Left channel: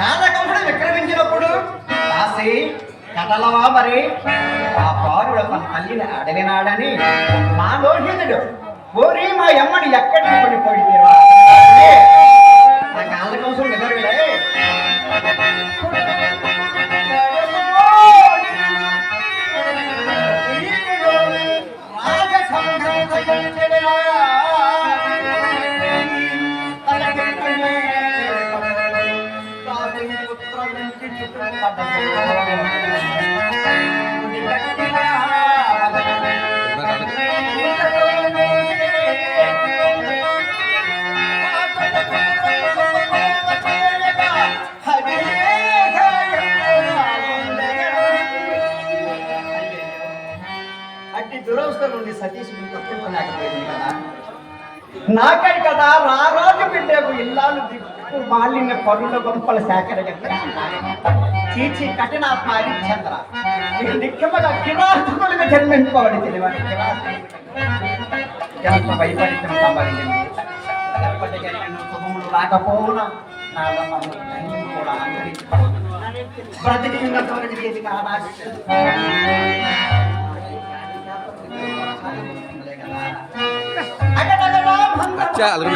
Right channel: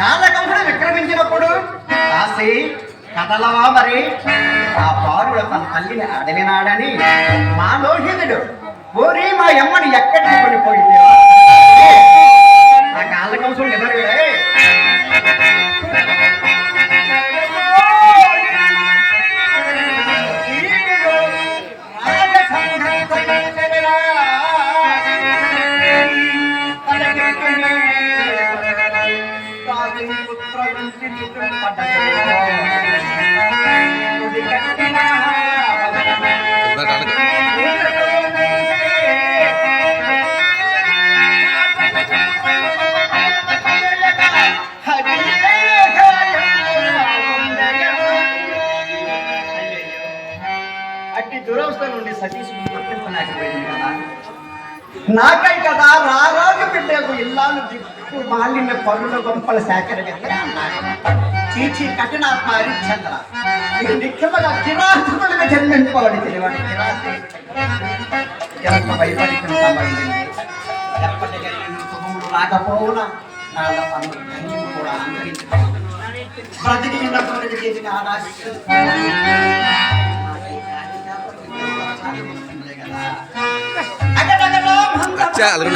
కాలకంసుడు విక్రమించినప్పుడు కాసి కథలవా మరి ఆ బాలుడు తన తల్లిని అడవినాడని మా లోహితుడు ఓరి మా అమ్మని ఎక్కడికి పడిపోయింది ఆ కాలకంసుడు నిద్రలే అట్టి దురవస్థ నుండి సతీశుడు తప్పించలేకపోయింది కదా నాకై కదా రారాజు బిడ్డకు ఇల్లాలు దిక్కు మాలిన్య పనుల గొంపల సేకరణ చీచి కఠినాత్మ హరిశ్చంద్ర ఇది నిఖ్యముగా కిరాతకులుగా జన్మించుకోవాలి తెలివాడు ఎంత వైపరీత్యం సంబంధించింది ఎప్పటికైనా శుభములు రాకపోవునా నాళ్ళ పనులు ధన్యం కూడా అంతరించుకోవాలి బ్రతికి ఉన్నటువంటి చేతికి ఆనాశ अच्छा अलग